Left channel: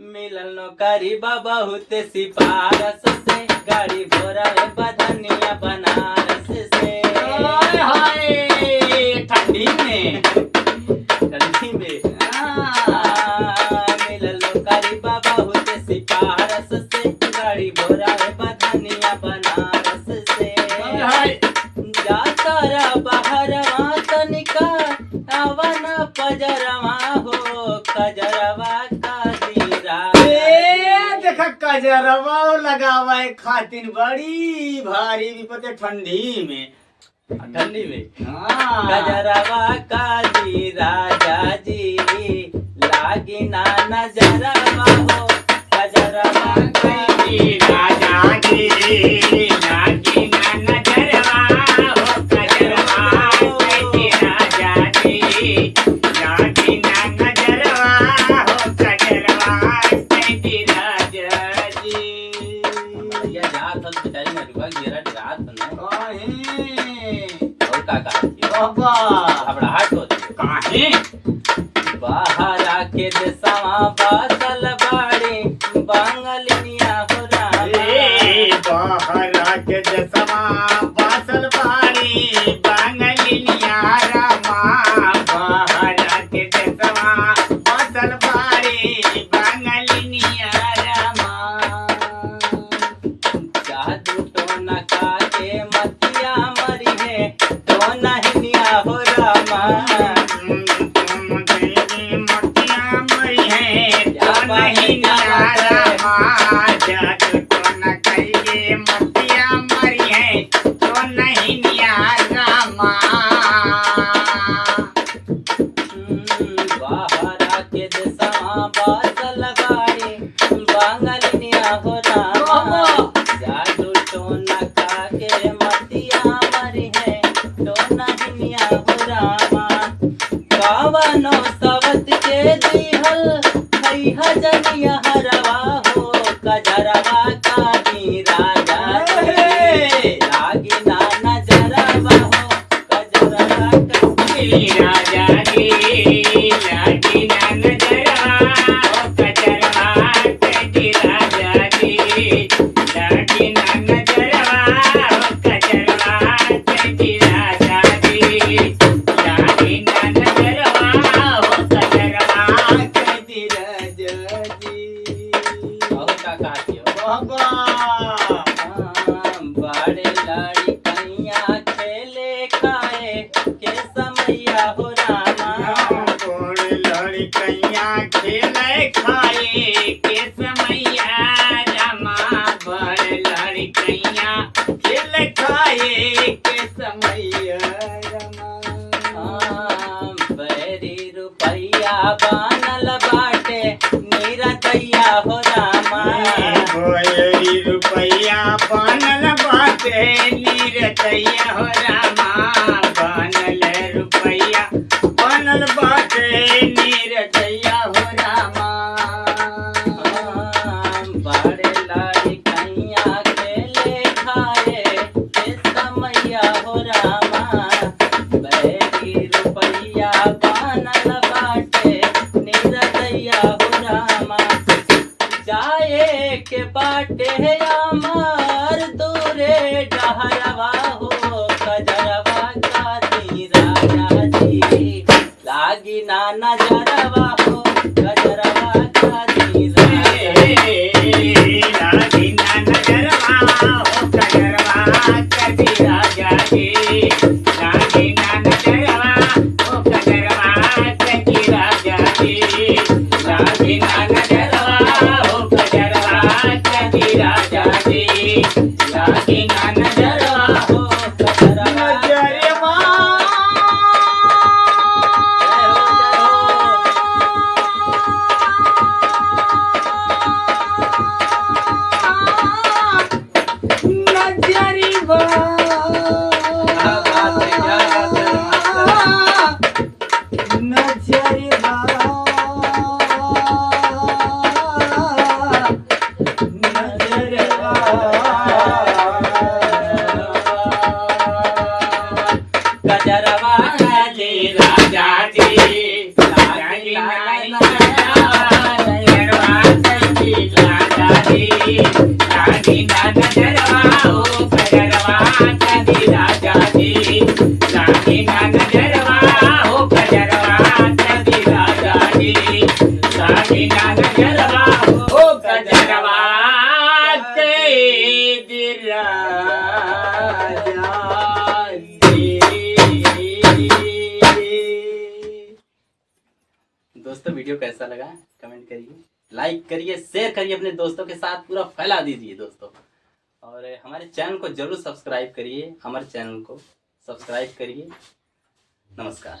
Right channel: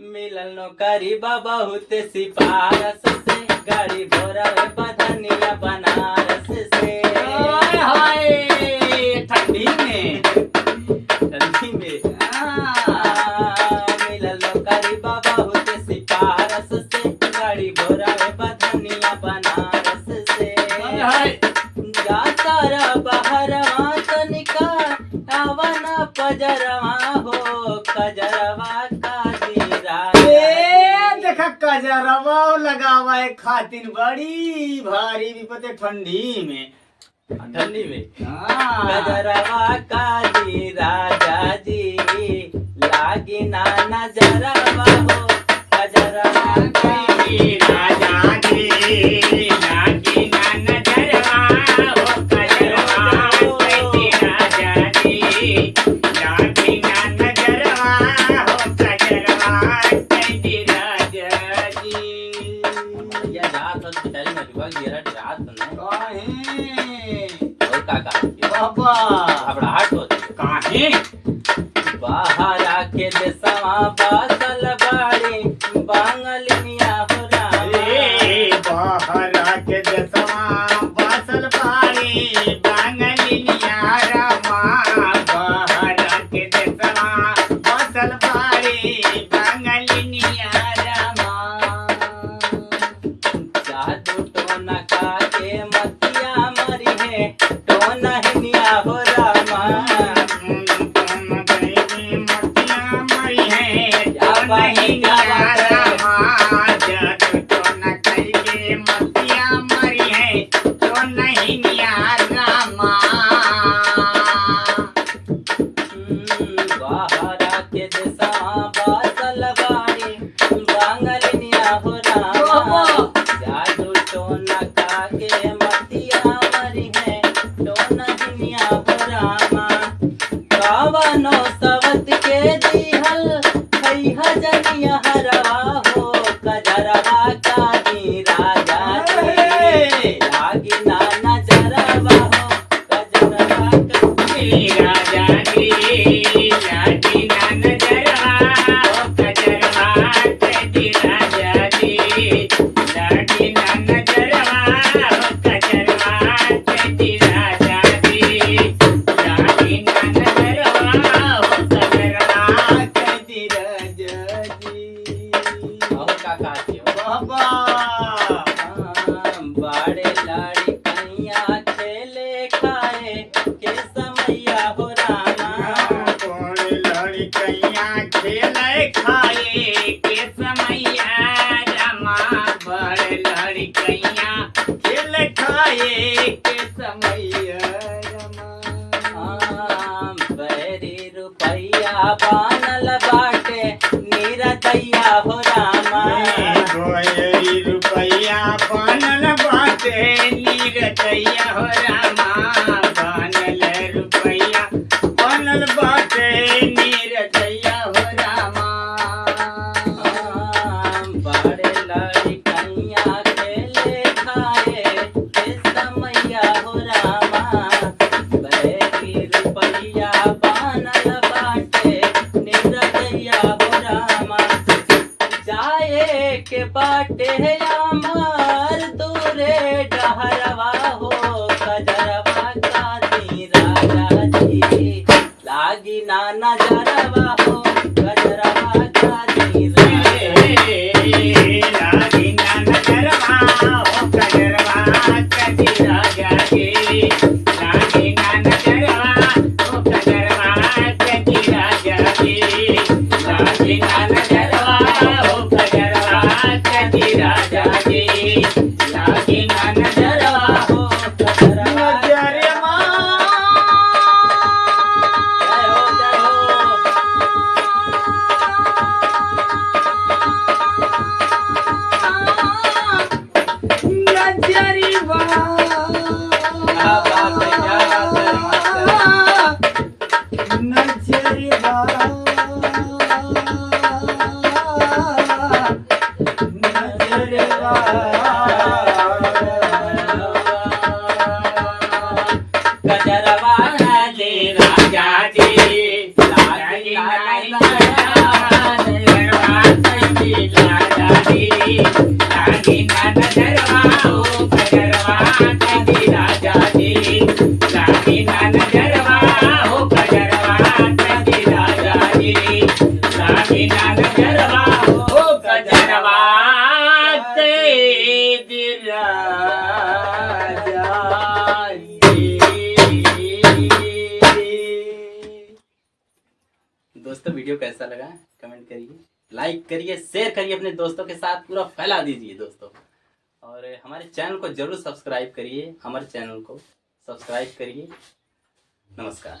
मिलल नौकरी बहुत सिफारस से, गाड़ी भोरावे बधनिया बनारस से। हाय हाय ठंडी में ठंडी में मिलल नौकरी बहुत सिफारस से, गाड़ी भोरावे बधनिया बनारस से। हाय जाता रा बहरवा तनिका आवन पजरवा हो, कजरवा का जीरा। देखा कजरवा लगावा खातिर बड़ी भारी विपत्ति ठंडी में। ठंडी में हाँ। कजरवा का जी राजा जी, लागी ना नजरवा हो, कजरवा का जी राजा जी लागी ना नजरवा हो, कजरवा कैसी राजा जी लागी ना नजरवा हो, कजरवा कैसी राजा जी। भैया रात हो बेचारी मरुआ गिरा रात न काहे और का बाबा घबराहट होती है। काहे बाहर आके देसवा बासल बाड़ी, बांगलिनिया हो रामा। बाहर के दसवा बासल बाड़ी, बांगलिनिया रामा। बाहर के दसवा बासल बाड़ी, बांगलिनिया रामा। जादू टोना का के मतिया मरी है, टोना हिनिया हो रामा। बाहर आके देसवा बासल बाड़ी, बांगलिनिया हो रामा। जादू टोना का के मतिया मरी है, टोना हिनिया हो रामा। कावनो सवत के दिहल खैहा जनिया हरवा हो, कजरवा का जी राजा जी, लागी ना नजरवा हो, कजरवा का जी राजा जी लागी ना नजरवा हो, कजरवा कैसी राजा जी लागी ना नजरवा हो, कजरवा कैसी राजा जी लागी ना नजरवा हो, कजरवा कैसी राजा जी। और का कहती हो बाबा बड़े लाड़ी कनिया खेले खाए के समैया हो रामा। कौन लड़कैया खेले खाए के समैया रामा। बड़ लड़कैया खेले खाए के समैया रामा। बैरी रुपैया बानल बाटे नीरा दैया हो रामा। बड़ी रुपैया बनल बाटे नीरदैया हो रामा। बनल रुपैया बनल बाटे नीरदैया हो रामा। बड़े लाड़ी कनिया खेले खाए के समैया हो रामा। बैरी रुपैया बानल बाटे नीरा दैया हो रामा। जाए के बाटे अमर दूरे डहरवा हो, कजरवा का जी राजा जी, लागी ना नजरवा हो, कजरवा का जी राजा जी। लागी ना नजरवा हो, कजरवा कैसी राजा जी लागी ना नजरवा हो, कजरवा कैसी राजा जी लागी ना नजरवा हो, कजरवा कैसी राजा जी लागी ना नजरवा हो, कजरवा नजरवा। जय हो जय हो। नजरवा क्या बात है, क्या बात है मास्टर। नजरवा नजरवा हो कजरवा चली राजा जी नागिना नजरवा हो कजरवा चली राजा जी। दोस्तों वीडियो कैसा लगा कमेंट करिए, लाइक करिए, शेयर करिए, अपने दोस्तों के साथ पूरा फैला दीजिए दोस्तों। और हमारे चैनल को जरूर सब्सक्राइब करिए, हमारे चैनल को सब्सक्राइब करिए। नमस्कार।